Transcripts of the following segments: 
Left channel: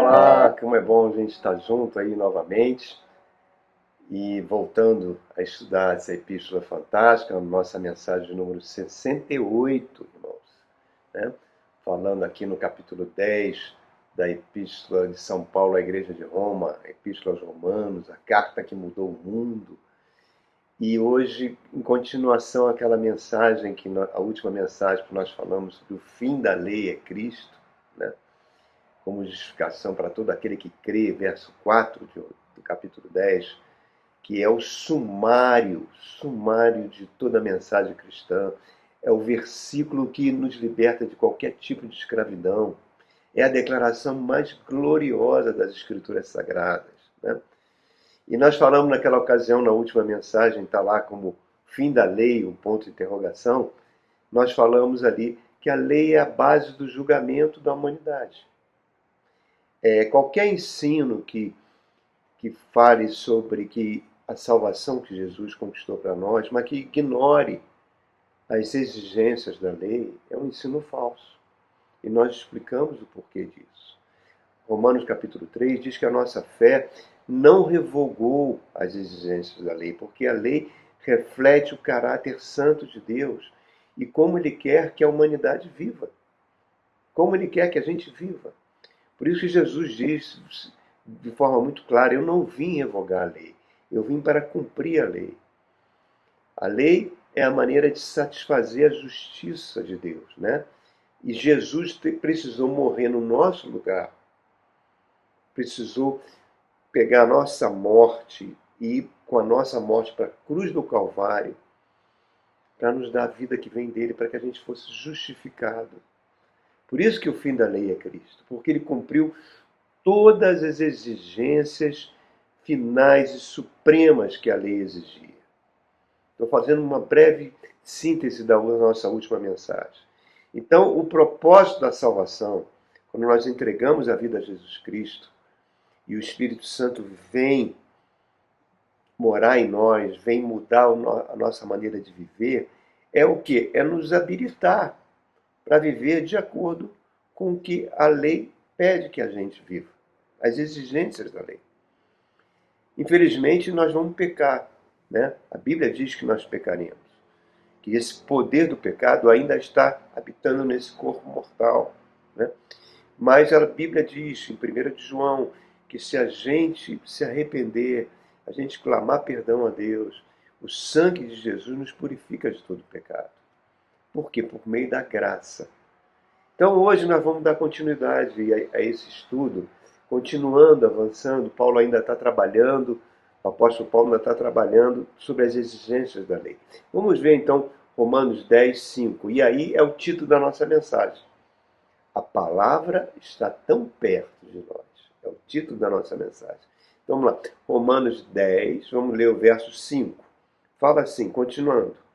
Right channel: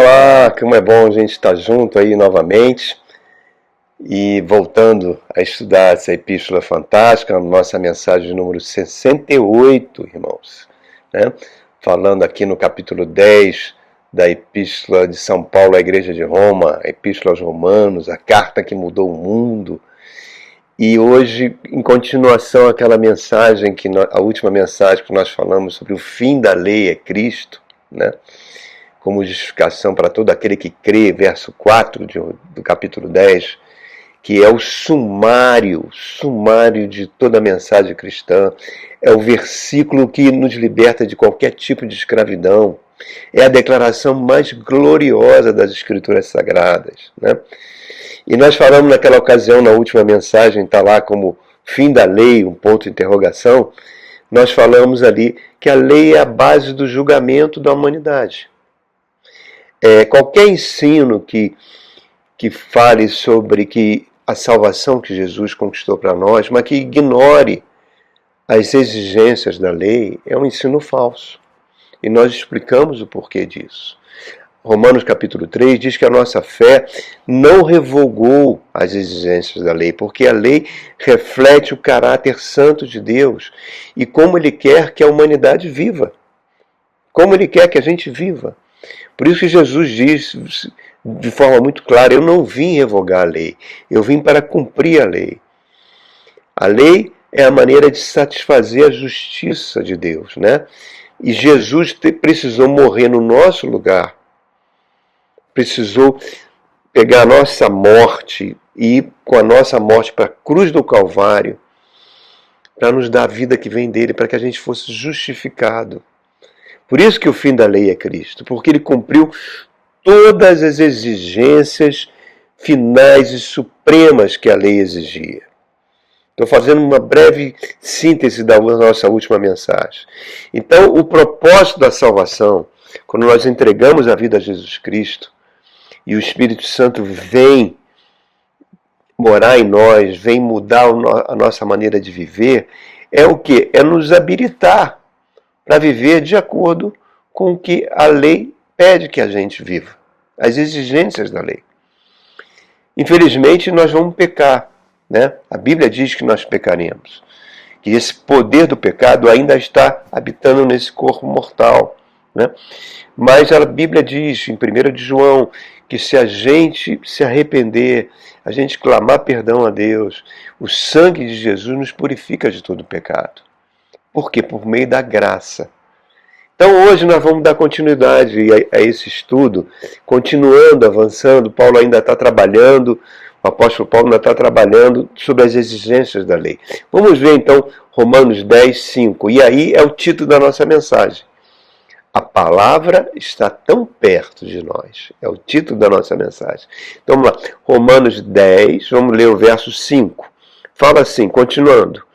Olá, como é bom a gente estar junto aí novamente e voltando a estudar essa epístola fantástica, nossa mensagem número 68, irmãos, né? Falando aqui no capítulo 10 da epístola de São Paulo à Igreja de Roma, a epístola aos Romanos, a carta que mudou o mundo. E hoje, em continuação àquela mensagem, a última mensagem que nós falamos sobre o fim da lei é Cristo, né? Como justificação para todo aquele que crê, verso 4 do capítulo 10, que é o sumário de toda a mensagem cristã, é o versículo que nos liberta de qualquer tipo de escravidão, é a declaração mais gloriosa das Escrituras Sagradas, né? E nós falamos naquela ocasião, na última mensagem, está lá como fim da lei, um ponto de interrogação, nós falamos ali que a lei é a base do julgamento da humanidade. Qualquer ensino que fale sobre que a salvação que Jesus conquistou para nós, mas que ignore as exigências da lei, é um ensino falso. E nós explicamos o porquê disso. Romanos capítulo 3 diz que a nossa fé não revogou as exigências da lei, porque a lei reflete o caráter santo de Deus e como Ele quer que a humanidade viva. Como Ele quer que a gente viva. Por isso que Jesus diz de forma muito clara, eu não vim revogar a lei, eu vim para cumprir a lei. A lei é a maneira de satisfazer a justiça de Deus, né? E Jesus precisou morrer no nosso lugar, precisou pegar a nossa morte e ir com a nossa morte para a cruz do Calvário, para nos dar a vida que vem dele, para que a gente fosse justificado. Por isso que o fim da lei é Cristo, porque ele cumpriu todas as exigências finais e supremas que a lei exigia. Estou fazendo uma breve síntese da nossa última mensagem. Então, o propósito da salvação, quando nós entregamos a vida a Jesus Cristo, e o Espírito Santo vem morar em nós, vem mudar a nossa maneira de viver, é o quê? É nos habilitar para viver de acordo com o que a lei pede que a gente viva, as exigências da lei. Infelizmente, nós vamos pecar, né? A Bíblia diz que nós pecaremos, que esse poder do pecado ainda está habitando nesse corpo mortal, né? Mas a Bíblia diz, em 1 de João, que se a gente se arrepender, a gente clamar perdão a Deus, o sangue de Jesus nos purifica de todo pecado. Por quê? Por meio da graça. Então hoje nós vamos dar continuidade a esse estudo, continuando, avançando. Paulo ainda está trabalhando, o apóstolo Paulo ainda está trabalhando sobre as exigências da lei. Vamos ver então Romanos 10, 5. E aí é o título da nossa mensagem. A palavra está tão perto de nós. É o título da nossa mensagem. Então vamos lá. Romanos 10, vamos ler o verso 5. Fala assim, continuando.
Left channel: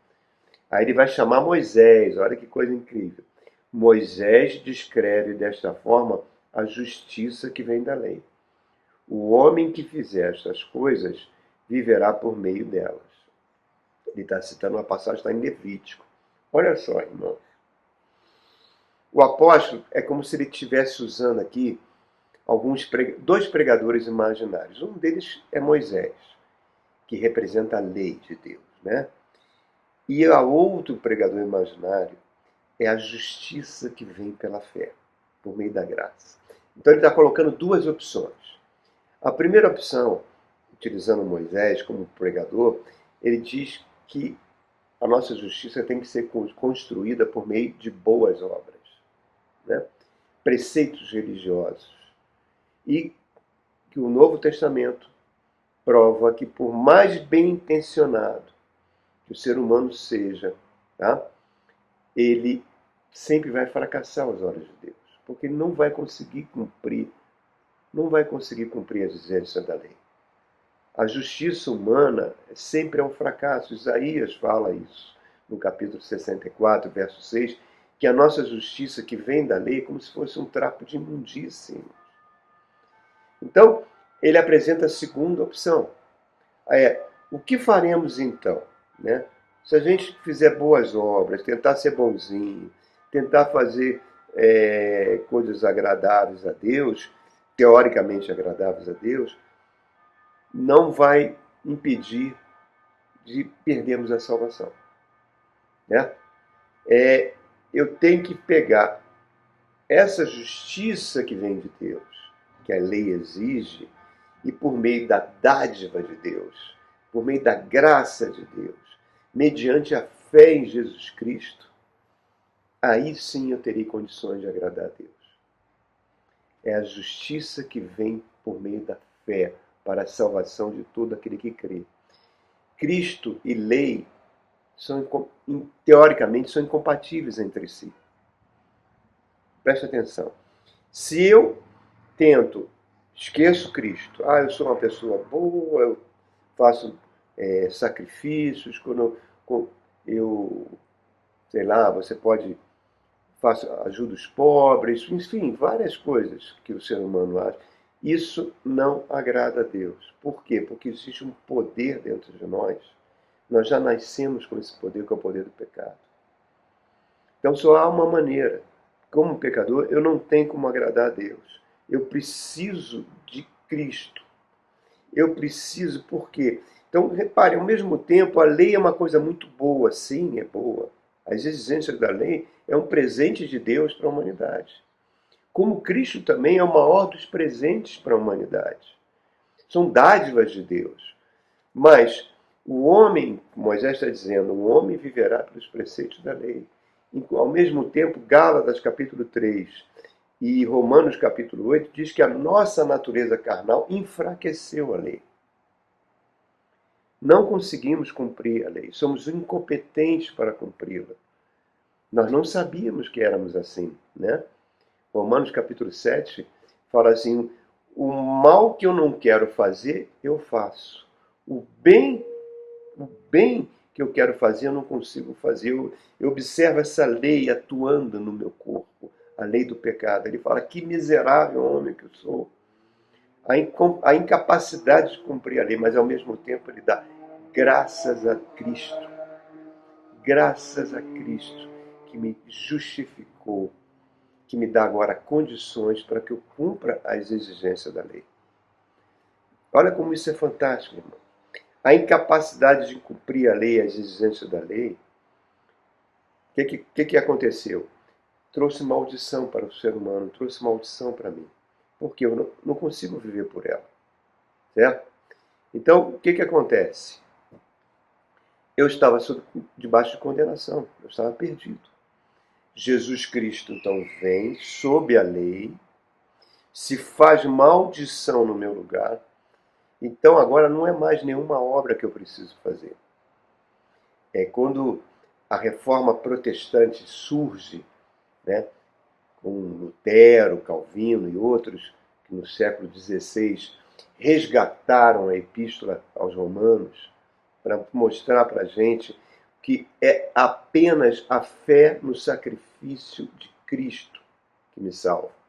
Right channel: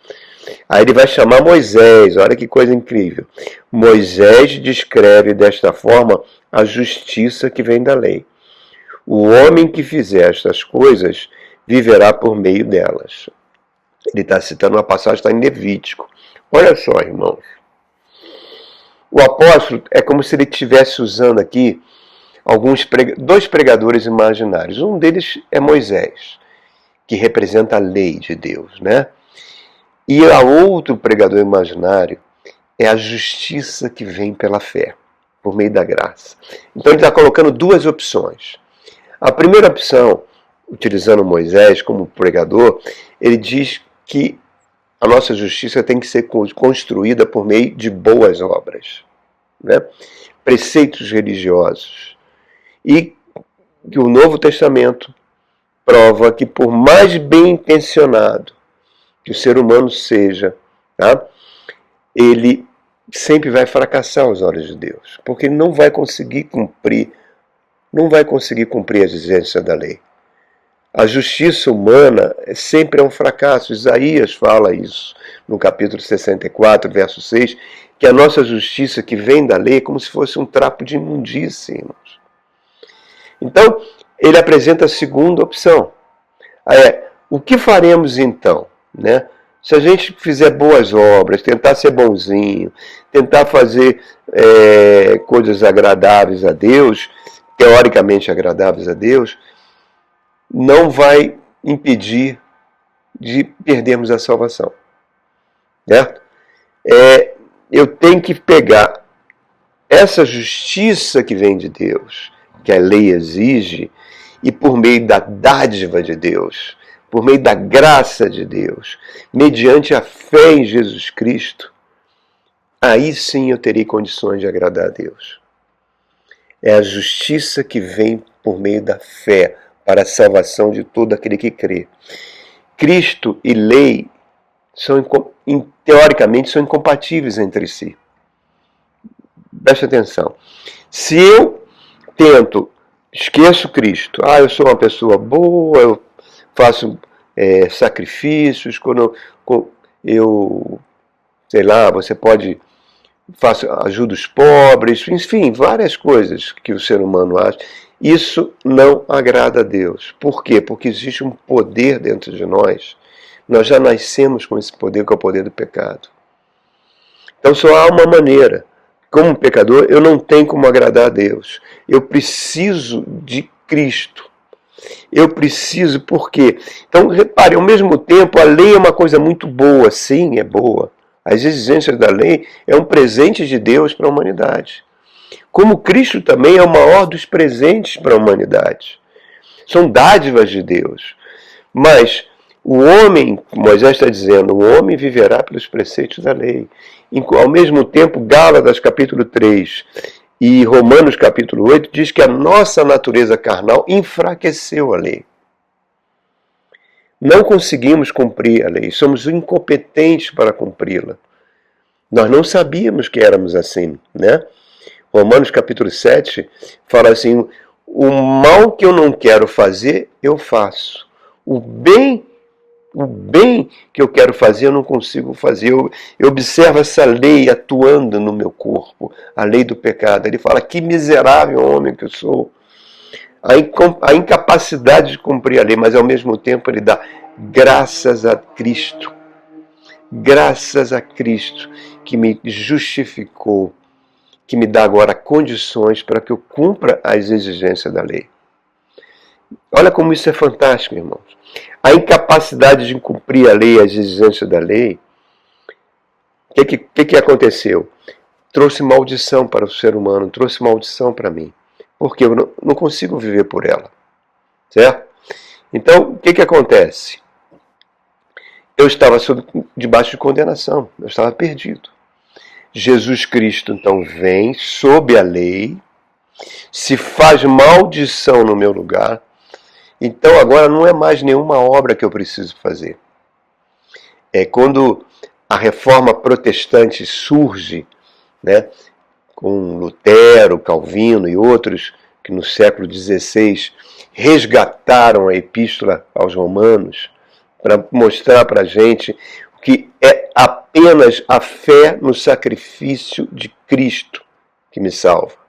Aí ele vai chamar Moisés, olha que coisa incrível. Moisés descreve desta forma a justiça que vem da lei. O homem que fizer estas coisas viverá por meio delas. Ele está citando uma passagem que está em Levítico. Olha só, irmãos. O apóstolo é como se ele estivesse usando aqui dois pregadores imaginários. Um deles é Moisés, que representa a lei de Deus, né? E a outro pregador imaginário é a justiça que vem pela fé, por meio da graça. Então ele está colocando duas opções. A primeira opção, utilizando Moisés como pregador, ele diz que a nossa justiça tem que ser construída por meio de boas obras, né? Preceitos religiosos. E que o Novo Testamento prova que por mais bem intencionado que o ser humano seja, tá? Ele sempre vai fracassar aos olhos de Deus, porque ele não vai conseguir cumprir as exigências da lei. A justiça humana sempre é um fracasso. Isaías fala isso no capítulo 64, verso 6, que a nossa justiça que vem da lei é como se fosse um trapo de imundícia, irmãos. Então, ele apresenta a segunda opção. O que faremos então? Né? Se a gente fizer boas obras, tentar ser bonzinho, tentar fazer coisas agradáveis a Deus, teoricamente agradáveis a Deus, não vai impedir de perdermos a salvação. Certo? Eu tenho que pegar essa justiça que vem de Deus, que a lei exige, e por meio da dádiva de Deus, por meio da graça de Deus, mediante a fé em Jesus Cristo, aí sim eu terei condições de agradar a Deus. É a justiça que vem por meio da fé para a salvação de todo aquele que crê. Cristo e lei teoricamente são incompatíveis entre si. Preste atenção. Se eu esqueço Cristo, eu sou uma pessoa boa, eu faço sacrifícios, quando eu sei lá, você pode ajuda os pobres, enfim, várias coisas que o ser humano acha. Isso não agrada a Deus. Por quê? Porque existe um poder dentro de nós. Nós já nascemos com esse poder, que é o poder do pecado. Então só há uma maneira. Como pecador, eu não tenho como agradar a Deus. Eu preciso de Cristo. Eu preciso, por quê? Então, repare, ao mesmo tempo, a lei é uma coisa muito boa, sim, é boa. As exigências da lei é um presente de Deus para a humanidade. Como Cristo também é o maior dos presentes para a humanidade. São dádivas de Deus. Mas o homem, Moisés está dizendo, o homem viverá pelos preceitos da lei. Ao mesmo tempo, Gálatas capítulo 3 e Romanos capítulo 8 diz que a nossa natureza carnal enfraqueceu a lei. Não conseguimos cumprir a lei, somos incompetentes para cumpri-la. Nós não sabíamos que éramos assim, né? Romanos capítulo 7 fala assim, o mal que eu não quero fazer, eu faço. O bem que eu quero fazer, eu não consigo fazer. Eu observo essa lei atuando no meu corpo, a lei do pecado. Ele fala, que miserável homem que eu sou. A incapacidade de cumprir a lei, mas ao mesmo tempo ele dá graças a Cristo. Graças a Cristo que me justificou, que me dá agora condições para que eu cumpra as exigências da lei. Olha como isso é fantástico, irmãos. A incapacidade de cumprir a lei, as exigências da lei, o que aconteceu? Trouxe maldição para o ser humano, trouxe maldição para mim. Porque eu não consigo viver por ela. Certo? Então, o que acontece? Eu estava debaixo de condenação, eu estava perdido. Jesus Cristo, então, vem sob a lei, se faz maldição no meu lugar. Então agora não é mais nenhuma obra que eu preciso fazer. Quando a reforma protestante surge, né, com Lutero, Calvino e outros que no século XVI resgataram a epístola aos Romanos para mostrar para a gente que é apenas a fé no sacrifício de Cristo que me salva.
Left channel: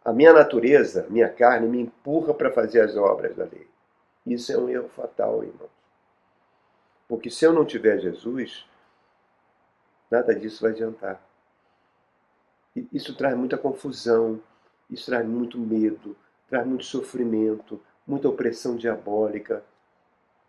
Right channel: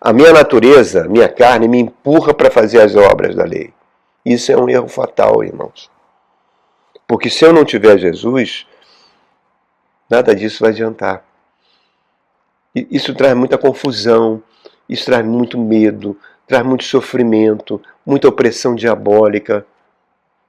A minha natureza, minha carne, me empurra para fazer as obras da lei. Isso é um erro fatal, irmãos. Porque se eu não tiver Jesus, nada disso vai adiantar. Isso traz muita confusão, isso traz muito medo, traz muito sofrimento, muita opressão diabólica.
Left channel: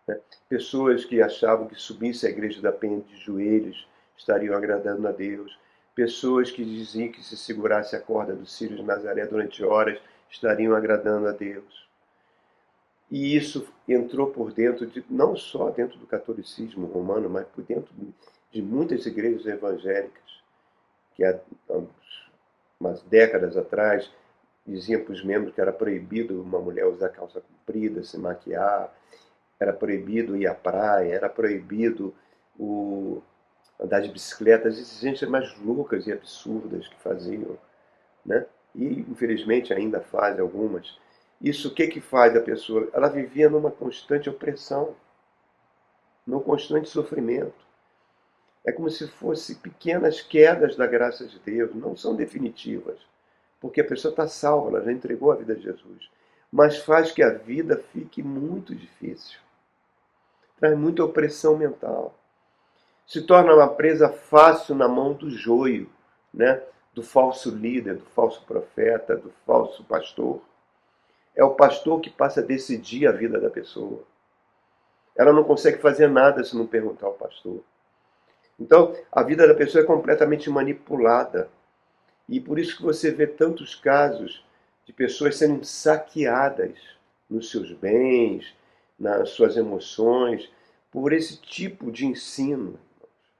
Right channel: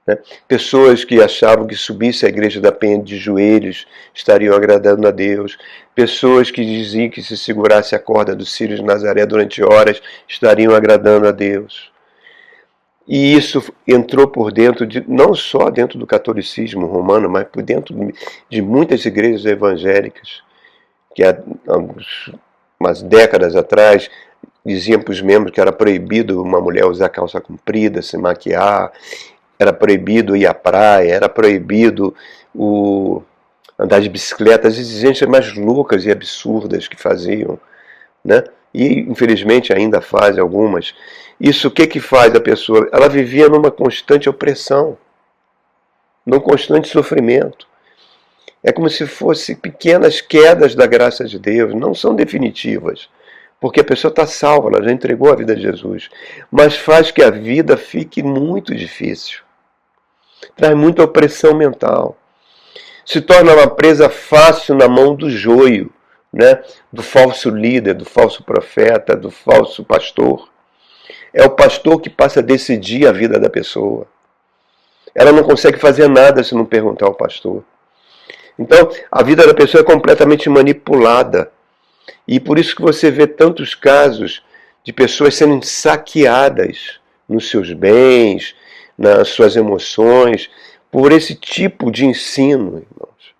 Né? Pessoas que achavam que subisse à igreja da Penha de joelhos estariam agradando a Deus. Pessoas que diziam que se segurasse a corda do Círio de Nazaré durante horas estariam agradando a Deus. E isso entrou por dentro, não só dentro do catolicismo romano, mas por dentro de muitas igrejas evangélicas, que há umas décadas atrás diziam para os membros que era proibido uma mulher usar calça comprida, se maquiar, era proibido ir à praia, era proibido andar de bicicleta, as exigências mais loucas e absurdas que faziam, né? E infelizmente ainda fazem algumas. Isso o que faz a pessoa? Ela vivia numa constante opressão, num constante sofrimento. É como se fossem pequenas quedas da graça de Deus, não são definitivas, porque a pessoa está salva, ela já entregou a vida a Jesus, mas faz que a vida fique muito difícil. Traz muita opressão mental. Se torna uma presa fácil na mão do joio, né? Do falso líder, do falso profeta, do falso pastor. É o pastor que passa a decidir a vida da pessoa. Ela não consegue fazer nada se não perguntar ao pastor. Então, a vida da pessoa é completamente manipulada. E por isso que você vê tantos casos de pessoas sendo saqueadas nos seus bens, nas suas emoções, por esse tipo de ensino, irmãos.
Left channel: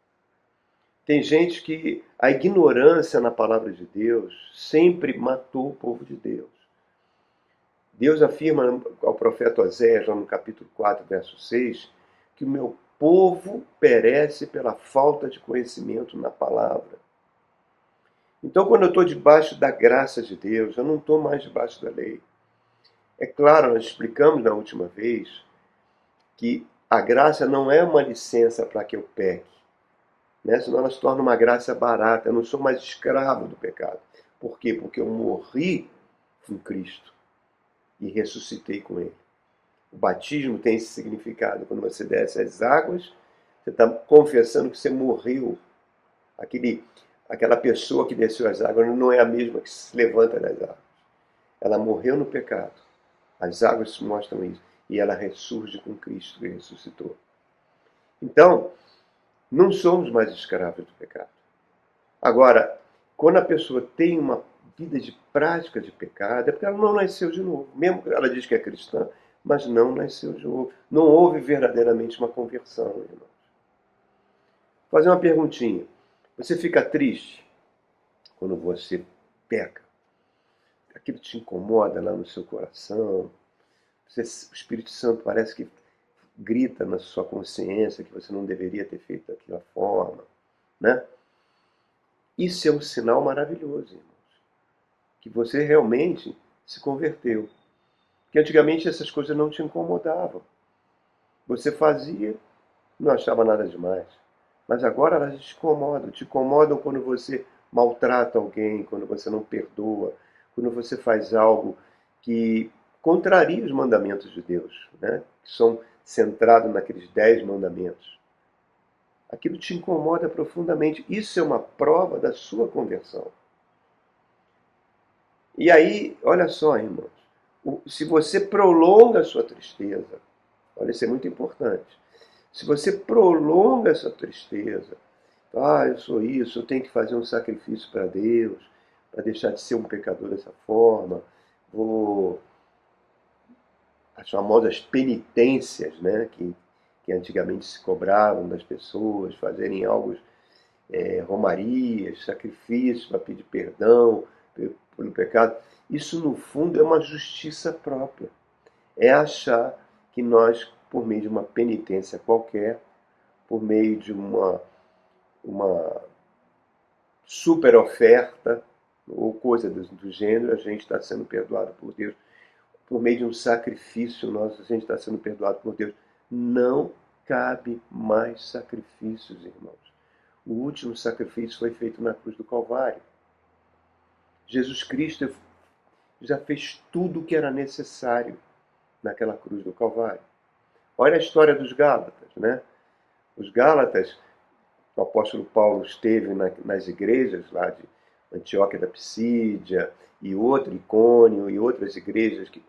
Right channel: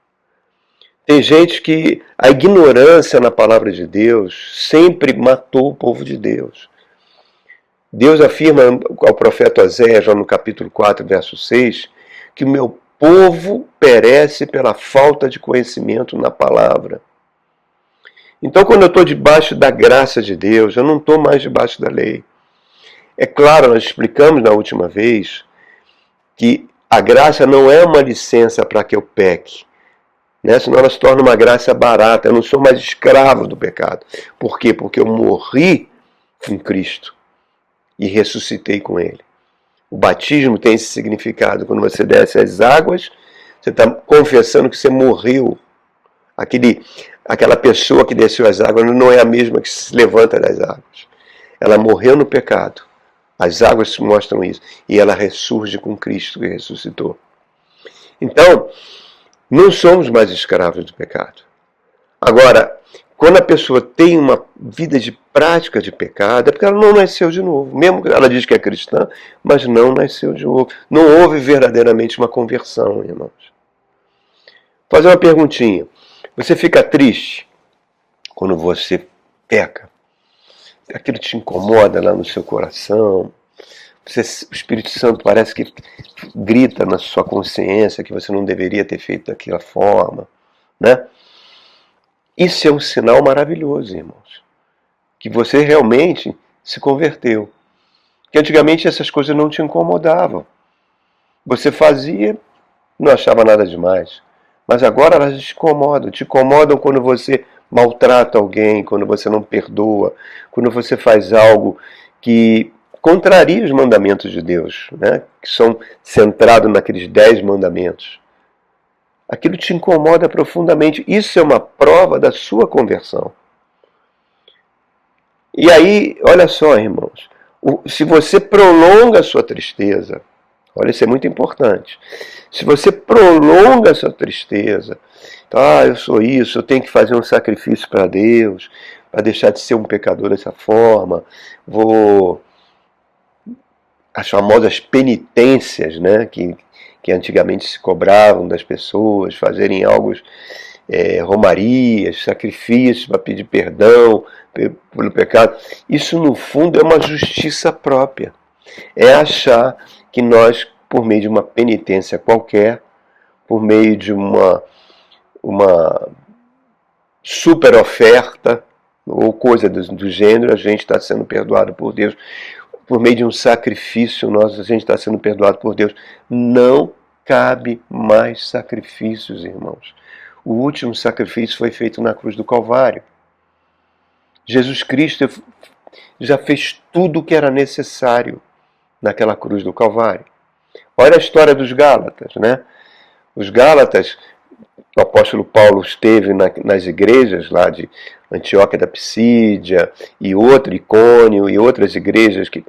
Tem gente que a ignorância na palavra de Deus sempre matou o povo de Deus. Deus afirma ao profeta Oséias, já no capítulo 4, verso 6, que o meu povo perece pela falta de conhecimento na palavra. Então, quando eu estou debaixo da graça de Deus, eu não estou mais debaixo da lei. É claro, nós explicamos na última vez que a graça não é uma licença para que eu peque, né? Senão ela se torna uma graça barata. Eu não sou mais escravo do pecado. Por quê? Porque eu morri com Cristo e ressuscitei com Ele. O batismo tem esse significado. Quando você desce as águas, você está confessando que você morreu. Aquela pessoa que desceu as águas não é a mesma que se levanta das águas. Ela morreu no pecado. As águas mostram isso. E ela ressurge com Cristo que ressuscitou. Então, não somos mais escravos do pecado. Agora, quando a pessoa tem uma vida de prática de pecado, é porque ela não nasceu de novo. Mesmo que ela diz que é cristã, mas não nasceu de novo. Não houve verdadeiramente uma conversão, irmãos. Vou fazer uma perguntinha. Você fica triste quando você peca? Aquilo te incomoda lá no seu coração? O Espírito Santo parece que grita na sua consciência que você não deveria ter feito daquela forma, né? Isso é um sinal maravilhoso, irmãos, que você realmente se converteu. Que antigamente essas coisas não te incomodavam. Você fazia, não achava nada demais. Mas agora elas te incomodam. Te incomodam quando você maltrata alguém, quando você não perdoa, quando você faz algo que contraria os mandamentos de Deus, né? Que são centrados naqueles 10 mandamentos. Aquilo te incomoda profundamente. Isso é uma prova da sua conversão. E aí, olha só, irmãos, se você prolonga a sua tristeza, olha, isso é muito importante. Se você prolonga a sua tristeza, eu sou isso, eu tenho que fazer um sacrifício para Deus, para deixar de ser um pecador dessa forma, as famosas penitências, né, que antigamente se cobravam das pessoas, fazerem algo, romarias, sacrifícios para pedir perdão pelo pecado. Isso, no fundo, é uma justiça própria. É achar que nós, por meio de uma penitência qualquer, por meio de uma super oferta ou coisa do gênero, a gente está sendo perdoado por Deus. Por meio de um sacrifício nosso, a gente está sendo perdoado por Deus. Não cabe mais sacrifícios, irmãos. O último sacrifício foi feito na cruz do Calvário. Jesus Cristo já fez tudo o que era necessário naquela cruz do Calvário. Olha a história dos Gálatas, né? Os Gálatas, o apóstolo Paulo esteve nas igrejas lá de Antioquia da Psídia e Icônio e outras igrejas que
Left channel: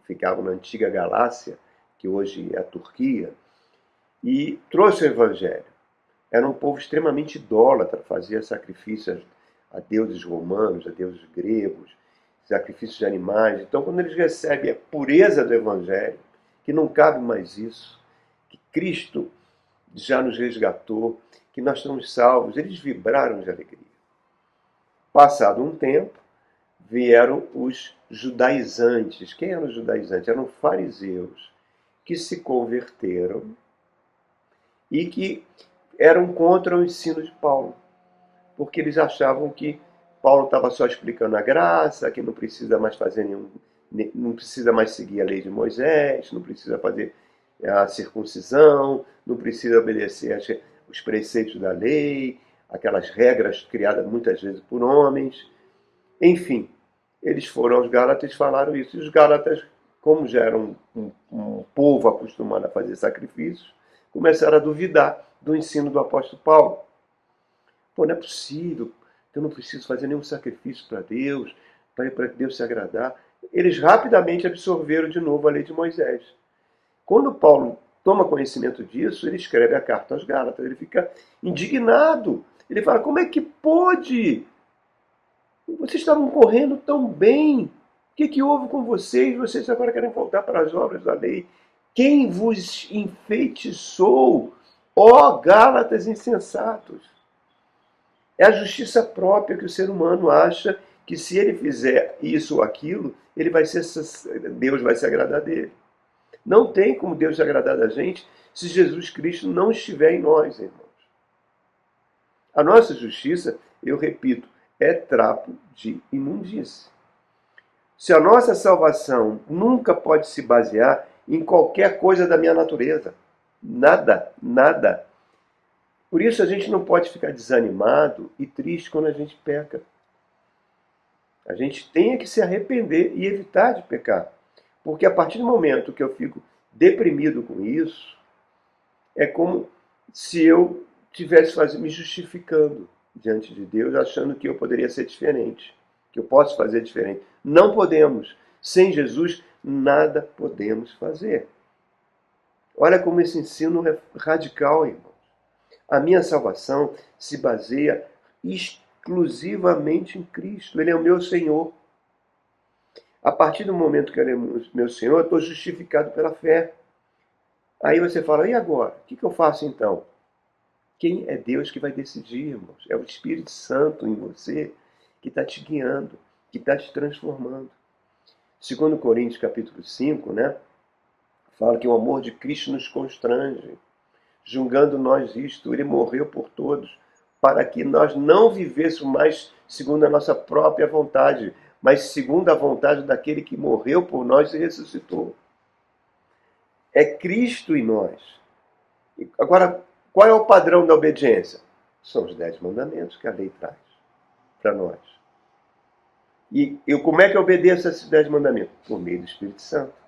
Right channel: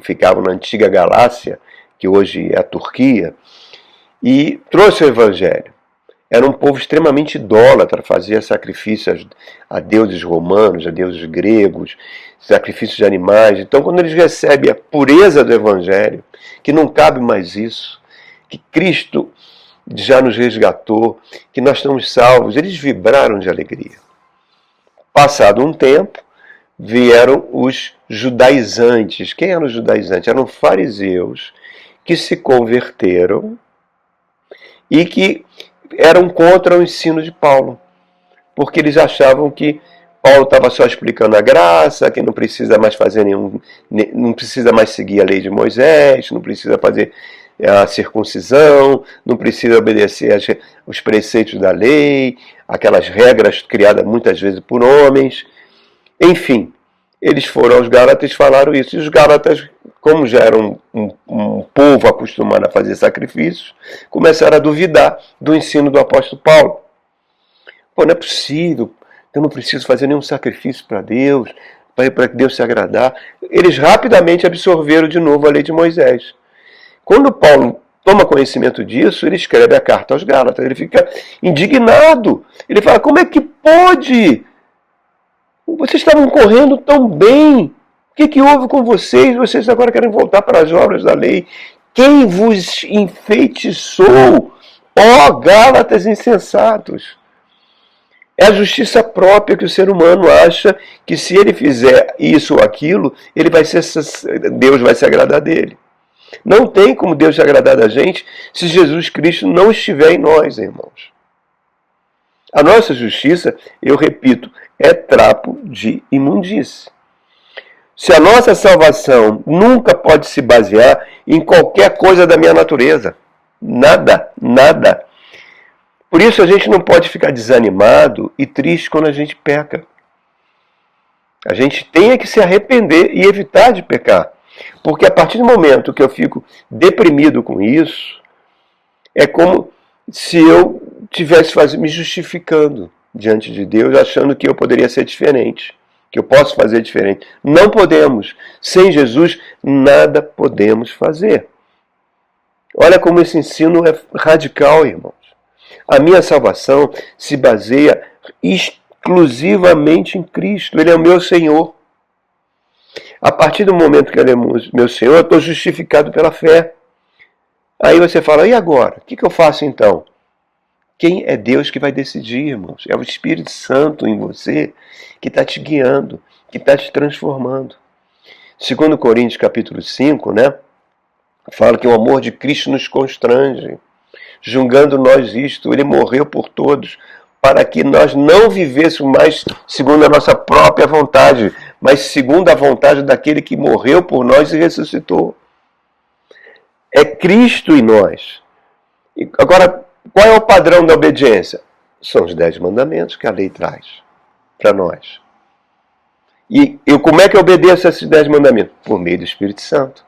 ficavam na antiga Galácia, que hoje é a Turquia, e trouxe o evangelho. Era um povo extremamente idólatra, fazia sacrifícios a deuses romanos, a deuses gregos, sacrifícios de animais. Então, quando eles recebem a pureza do evangelho, que não cabe mais isso, que Cristo já nos resgatou, que nós estamos salvos, eles vibraram de alegria. Passado um tempo, vieram os judaizantes. Quem eram os judaizantes? Eram fariseus que se converteram e que eram contra o ensino de Paulo, porque eles achavam que Paulo estava só explicando a graça, que não precisa mais fazer não precisa mais seguir a lei de Moisés, não precisa fazer a circuncisão, não precisa obedecer os preceitos da lei, aquelas regras criadas muitas vezes por homens. Enfim, eles foram aos Gálatas e falaram isso. E os Gálatas, como já eram um povo acostumado a fazer sacrifícios, começaram a duvidar do ensino do apóstolo Paulo. Não é possível, eu não preciso fazer nenhum sacrifício para Deus, para Deus se agradar, eles rapidamente absorveram de novo a lei de Moisés. Quando Paulo toma conhecimento disso, ele escreve a carta aos Gálatas, ele fica indignado. Ele fala, como é que pode? Vocês estavam correndo tão bem. O que houve com vocês? Vocês agora querem voltar para as obras da lei. Quem vos enfeitiçou, ó Gálatas insensatos? É a justiça própria que o ser humano acha que se ele fizer isso ou aquilo, Deus vai se agradar dele. Não tem como Deus se agradar da gente se Jesus Cristo não estiver em nós, irmãos. A nossa justiça, eu repito, é trapo de imundície. Se a nossa salvação nunca pode se basear em qualquer coisa da minha natureza. Nada, nada. Por isso a gente não pode ficar desanimado e triste quando a gente peca. A gente tem que se arrepender e evitar de pecar. Porque a partir do momento que eu fico deprimido com isso, é como se eu estivesse me justificando diante de Deus, achando que eu poderia ser diferente, que eu posso fazer diferente. Não podemos. Sem Jesus, nada podemos fazer. Olha como esse ensino é radical, irmãos. A minha salvação se baseia exclusivamente em Cristo. Ele é o meu Senhor. A partir do momento que ele é meu Senhor, eu estou justificado pela fé. Aí você fala, e agora? O que eu faço então? Quem é Deus que vai decidir, irmãos? É o Espírito Santo em você que está te guiando, que está te transformando. 2 Coríntios capítulo 5, né? Fala que o amor de Cristo nos constrange. Julgando nós isto, ele morreu por todos, para que nós não vivêssemos mais segundo a nossa própria vontade, mas segundo a vontade daquele que morreu por nós e ressuscitou. É Cristo em nós. E agora, qual é o padrão da obediência? São os 10 mandamentos que a lei traz para nós. E como é que eu obedeço a esses 10 mandamentos? Por meio do Espírito Santo.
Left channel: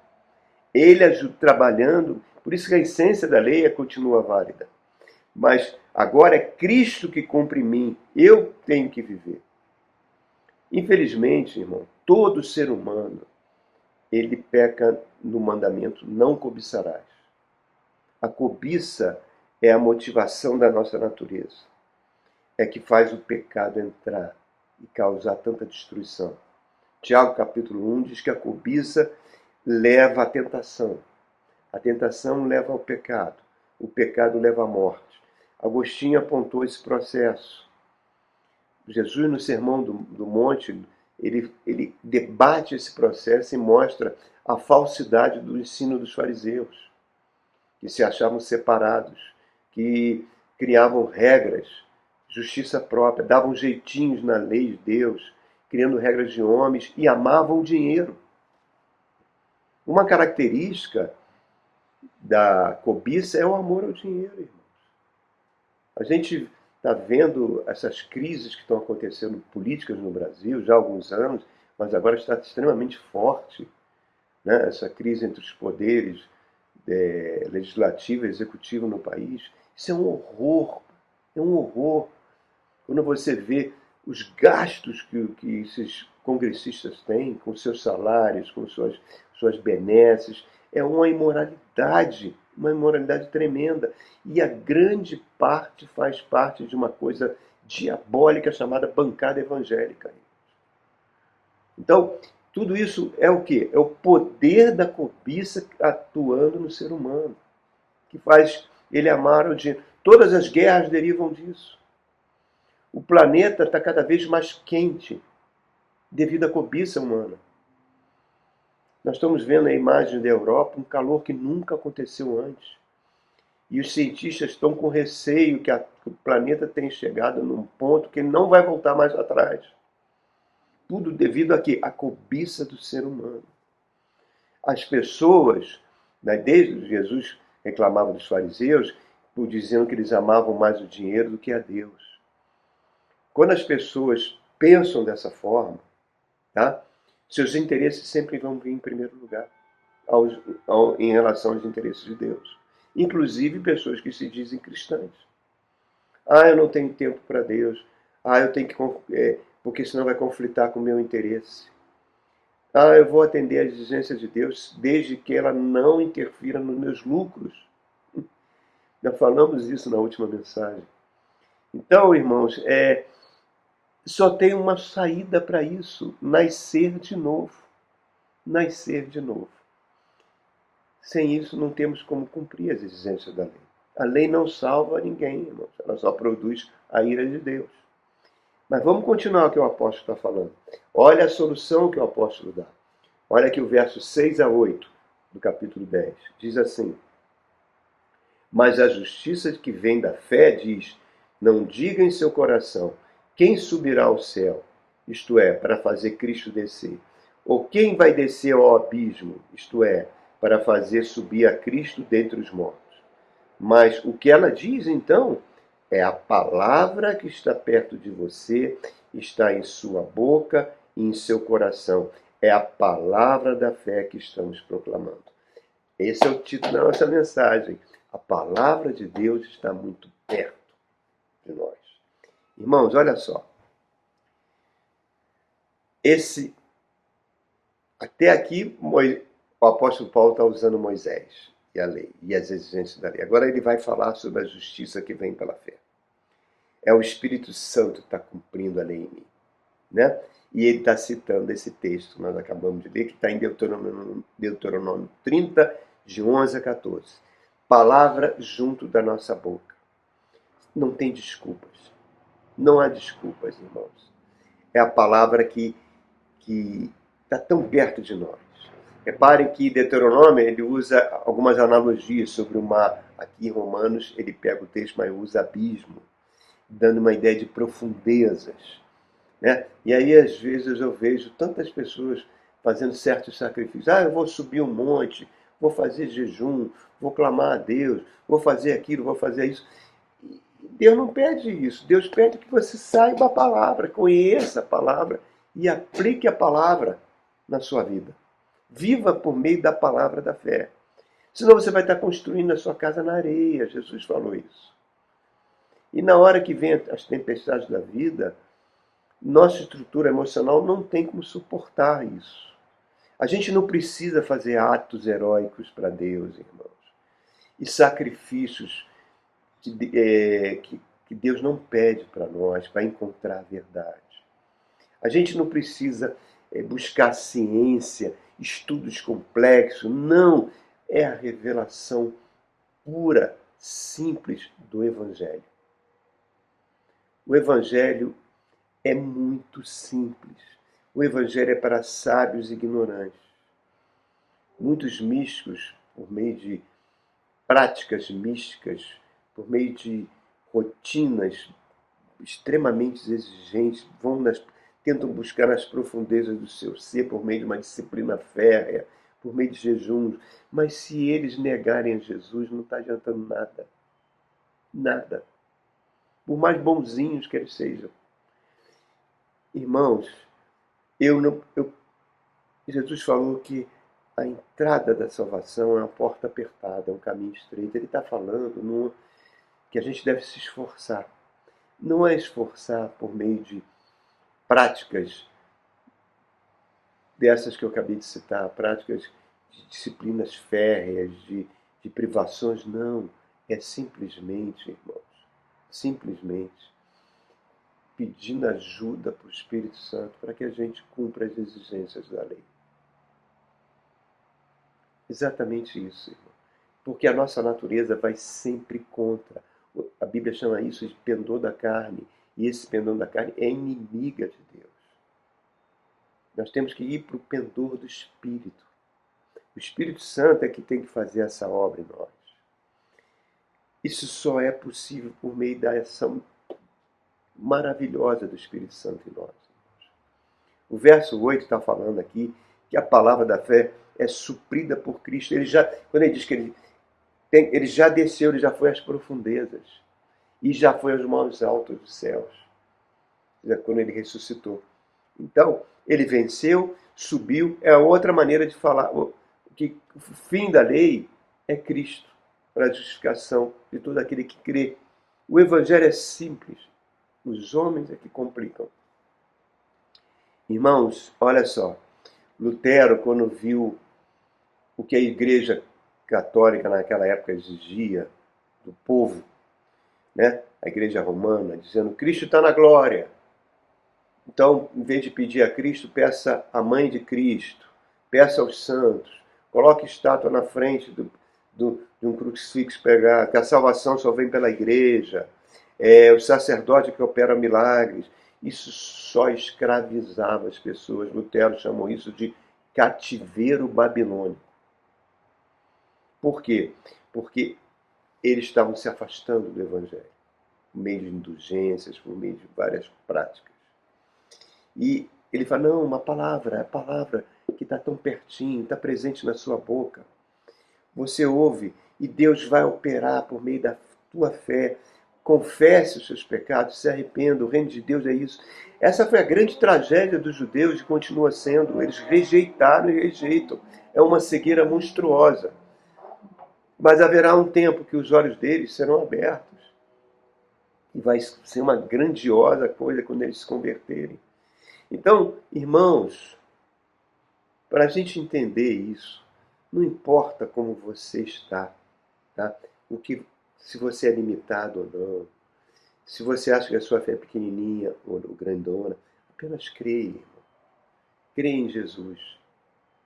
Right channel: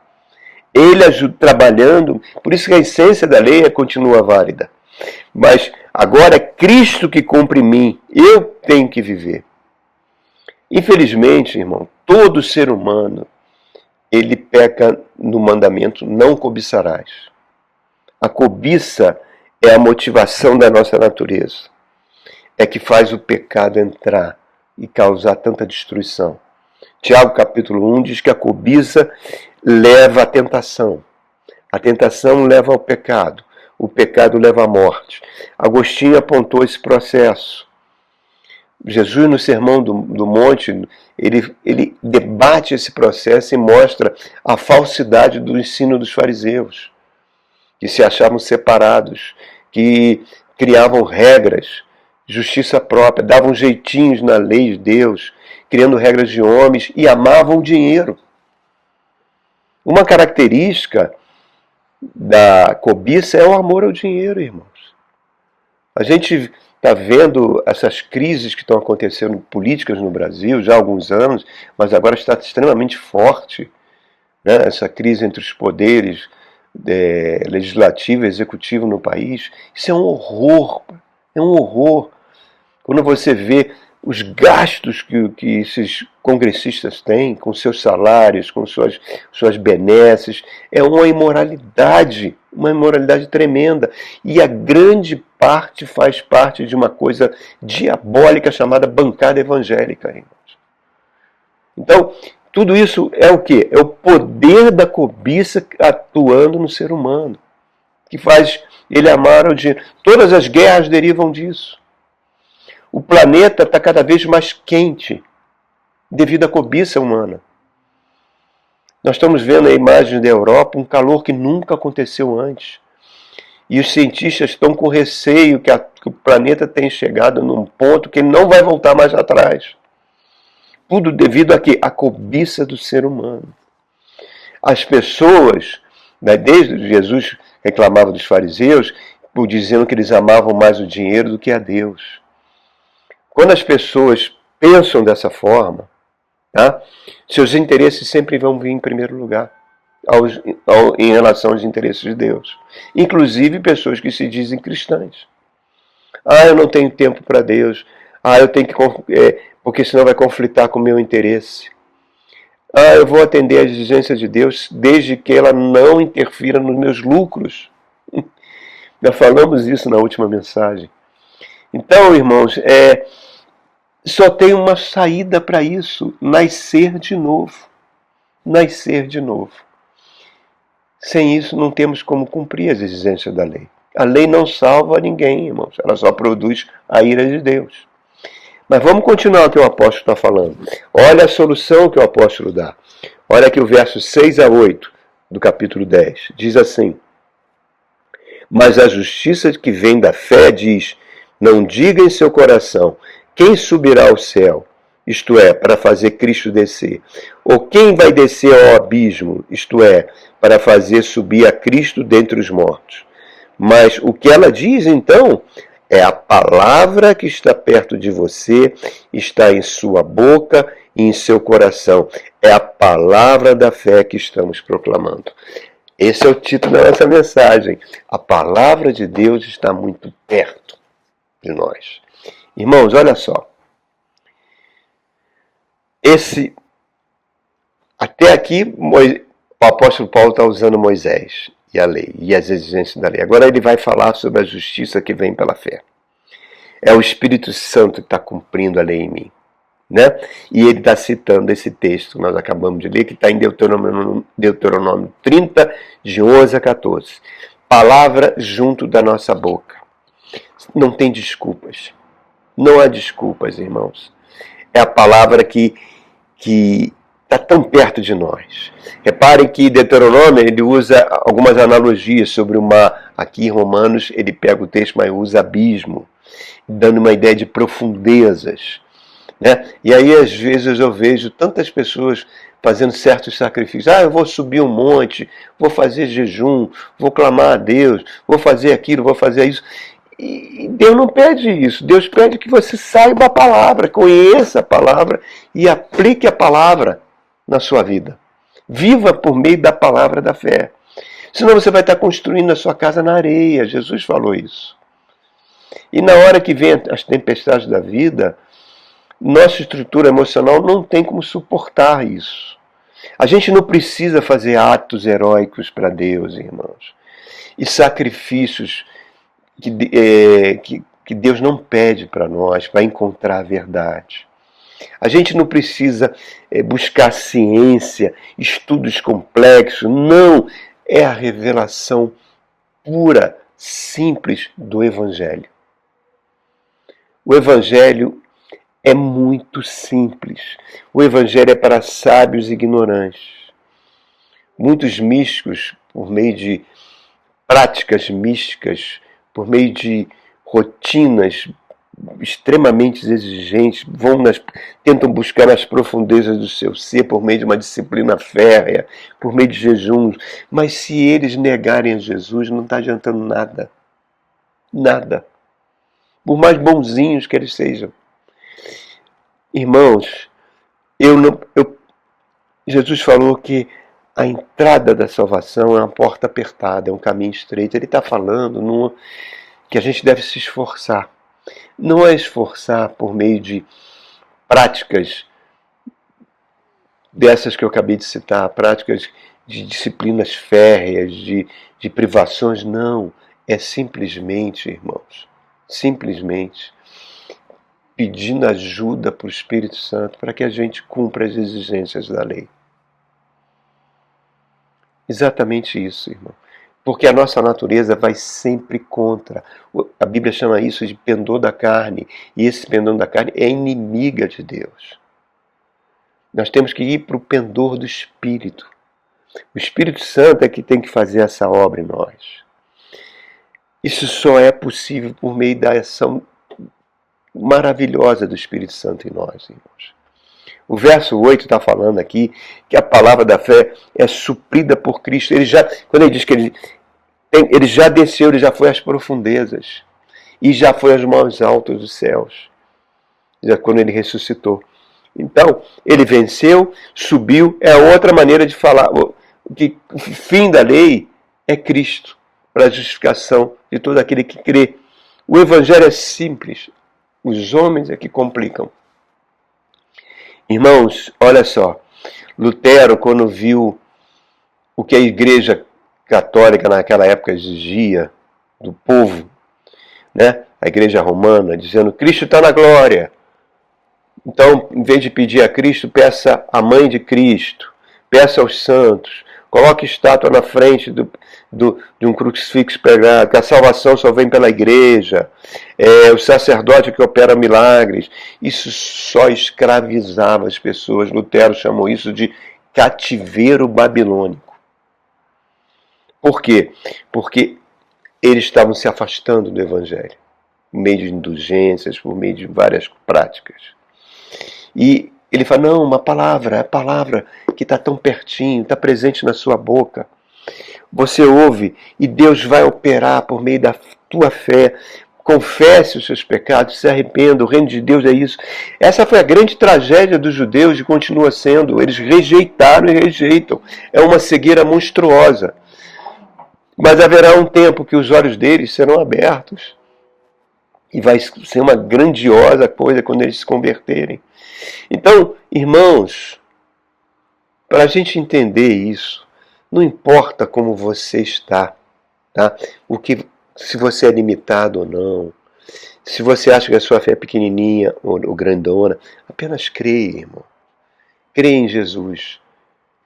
Ele ajuda trabalhando, por isso que a essência da lei continua válida. Mas agora é Cristo que cumpre em mim, eu tenho que viver. Infelizmente, irmão, todo ser humano, ele peca no mandamento, não cobiçarás. A cobiça é a motivação da nossa natureza. É que faz o pecado entrar e causar tanta destruição. Tiago capítulo 1 diz que a cobiça leva à tentação. A tentação leva ao pecado. O pecado leva à morte. Agostinho apontou esse processo. Jesus, no Sermão do Monte, ele debate esse processo e mostra a falsidade do ensino dos fariseus, que se achavam separados, que criavam regras, justiça própria, davam jeitinhos na lei de Deus, criando regras de homens e amavam o dinheiro. Uma característica da cobiça é o amor ao dinheiro, irmãos. A gente está vendo essas crises que estão acontecendo políticas no Brasil já há alguns anos, mas agora está extremamente forte, né? Essa crise entre os poderes legislativo e executivo no país. Isso é um horror, é um horror. Quando você vê os gastos que esses congressistas têm com seus salários, com suas benesses, é uma imoralidade tremenda. E a grande parte faz parte de uma coisa diabólica chamada bancada evangélica, irmãos. Então, tudo isso é o quê? É o poder da cobiça atuando no ser humano, que faz ele amar o dinheiro. Todas as guerras derivam disso. O planeta está cada vez mais quente devido à cobiça humana. Nós estamos vendo a imagem da Europa, um calor que nunca aconteceu antes. E os cientistas estão com receio que o planeta tenha chegado num ponto que ele não vai voltar mais atrás. Tudo devido a quê? A cobiça do ser humano. As pessoas, né, desde Jesus reclamava dos fariseus, por dizendo que eles amavam mais o dinheiro do que a Deus. Quando as pessoas pensam dessa forma, tá, seus interesses sempre vão vir em primeiro lugar em relação aos interesses de Deus. Inclusive pessoas que se dizem cristãs. Eu não tenho tempo para Deus. Eu tenho que... porque senão vai conflitar com o meu interesse. Ah, eu vou atender às exigências de Deus desde que ela não interfira nos meus lucros. Já falamos isso na última mensagem. Então, irmãos, só tem uma saída para isso: nascer de novo. Nascer de novo. Sem isso, não temos como cumprir as exigências da lei. A lei não salva ninguém, irmãos. Ela só produz a ira de Deus. Mas vamos continuar o que o apóstolo está falando. Olha a solução que o apóstolo dá. Olha aqui o verso 6 a 8 do capítulo 10. Diz assim: mas a justiça que vem da fé diz: não diga em seu coração, quem subirá ao céu, isto é, para fazer Cristo descer, ou quem vai descer ao abismo, isto é, para fazer subir a Cristo dentre os mortos. Mas o que ela diz, então, é a palavra que está perto de você, está em sua boca e em seu coração. É a palavra da fé que estamos proclamando. Esse é o título da nossa mensagem. A palavra de Deus está muito perto de nós. Irmãos, olha só. Até aqui, o apóstolo Paulo está usando Moisés e a lei, e as exigências da lei. Agora ele vai falar sobre a justiça que vem pela fé. É o Espírito Santo que está cumprindo a lei em mim. Né? E ele está citando esse texto que nós acabamos de ler, que está em Deuteronômio 30, de 11 a 14. Palavra junto da nossa boca. Não tem desculpas. Não há desculpas, irmãos. É a palavra que está tão perto de nós. Reparem que Deuteronômio ele usa algumas analogias sobre o mar. Aqui em Romanos ele pega o texto, mas usa abismo, dando uma ideia de profundezas. Né? E aí às vezes eu vejo tantas pessoas fazendo certos sacrifícios. Eu vou subir um monte, vou fazer jejum, vou clamar a Deus, vou fazer aquilo, vou fazer isso. E Deus não pede isso. Deus pede que você saiba a palavra, conheça a palavra e aplique a palavra na sua vida. Viva por meio da palavra da fé. Senão você vai estar construindo a sua casa na areia. Jesus falou isso. E na hora que vem as tempestades da vida, nossa estrutura emocional não tem como suportar isso. A gente não precisa fazer atos heróicos para Deus, irmãos. E sacrifícios que Deus não pede para nós, para encontrar a verdade. A gente não precisa buscar ciência, estudos complexos. Não, é a revelação pura, simples do Evangelho. O Evangelho é muito simples. O Evangelho é para sábios e ignorantes. Muitos místicos, por meio de práticas místicas, por meio de rotinas extremamente exigentes, tentam buscar as profundezas do seu ser por meio de uma disciplina férrea, por meio de jejuns. Mas se eles negarem a Jesus, não está adiantando nada. Nada. Por mais bonzinhos que eles sejam. Irmãos, Jesus falou que a entrada da salvação é uma porta apertada, é um caminho estreito. Ele está falando que a gente deve se esforçar. Não é esforçar por meio de práticas dessas que eu acabei de citar, práticas de disciplinas férreas, de privações, não. É simplesmente, irmãos, simplesmente pedindo ajuda para o Espírito Santo para que a gente cumpra as exigências da lei. Exatamente isso, irmão. Porque a nossa natureza vai sempre contra. A Bíblia chama isso de pendor da carne. E esse pendor da carne é inimiga de Deus. Nós temos que ir para o pendor do Espírito. O Espírito Santo é que tem que fazer essa obra em nós. Isso só é possível por meio da ação maravilhosa do Espírito Santo em nós, irmãos. O verso 8 está falando aqui que a palavra da fé é suprida por Cristo. Quando ele diz que ele já desceu, ele já foi às profundezas e já foi aos mais altos dos céus, já quando ele ressuscitou. Então, ele venceu, subiu, é outra maneira de falar. O fim da lei é Cristo, para a justificação de todo aquele que crê. O Evangelho é simples, os homens é que complicam. Irmãos, olha só, Lutero, quando viu o que a Igreja Católica naquela época exigia do povo, né? A Igreja Romana, dizendo: Cristo está na glória. Então, em vez de pedir a Cristo, peça a mãe de Cristo, peça aos santos, coloque estátua na frente de um crucifixo pregado, que a salvação só vem pela igreja, o sacerdote que opera milagres. Isso só escravizava as pessoas. Lutero chamou isso de cativeiro babilônico. Por quê? Porque eles estavam se afastando do Evangelho, por meio de indulgências, por meio de várias práticas. E ele fala: não, uma palavra, a palavra que está tão pertinho, está presente na sua boca. Você ouve e Deus vai operar por meio da tua fé. Confesse os seus pecados, se arrependa, o reino de Deus é isso. Essa foi a grande tragédia dos judeus e continua sendo. Eles rejeitaram e rejeitam. É uma cegueira monstruosa. Mas haverá um tempo que os olhos deles serão abertos. E vai ser uma grandiosa coisa quando eles se converterem. Então, irmãos, para a gente entender isso, não importa como você está, tá? Se você é limitado ou não, se você acha que a sua fé é pequenininha ou grandona, apenas creia, irmão. Creia em Jesus.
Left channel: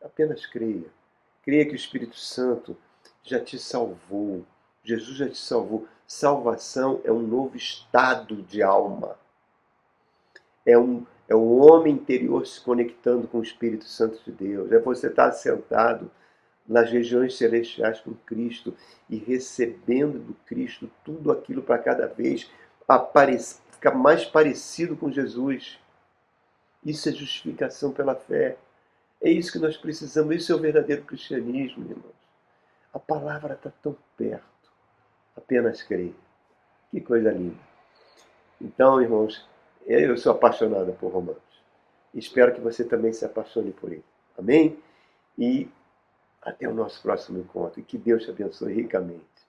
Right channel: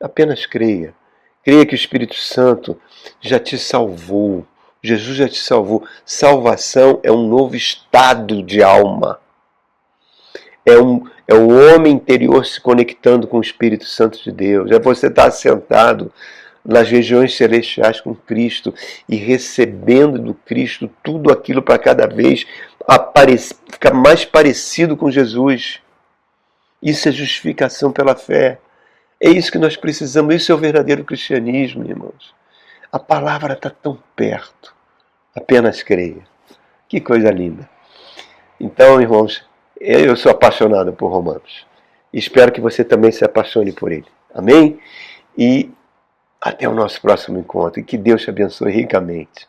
Apenas creia. Creia que o Espírito Santo já te salvou. Jesus já te salvou. Salvação é um novo estado de alma. É o homem interior se conectando com o Espírito Santo de Deus. É você estar assentado nas regiões celestiais com Cristo e recebendo do Cristo tudo aquilo para cada vez ficar mais parecido com Jesus. Isso é justificação pela fé. É isso que nós precisamos. Isso é o verdadeiro cristianismo, irmãos. A palavra está tão perto. Apenas creia. Que coisa linda. Então, irmãos, eu sou apaixonado por Romanos. Espero que você também se apaixone por ele. Amém? E até o nosso próximo encontro. E que Deus te abençoe ricamente.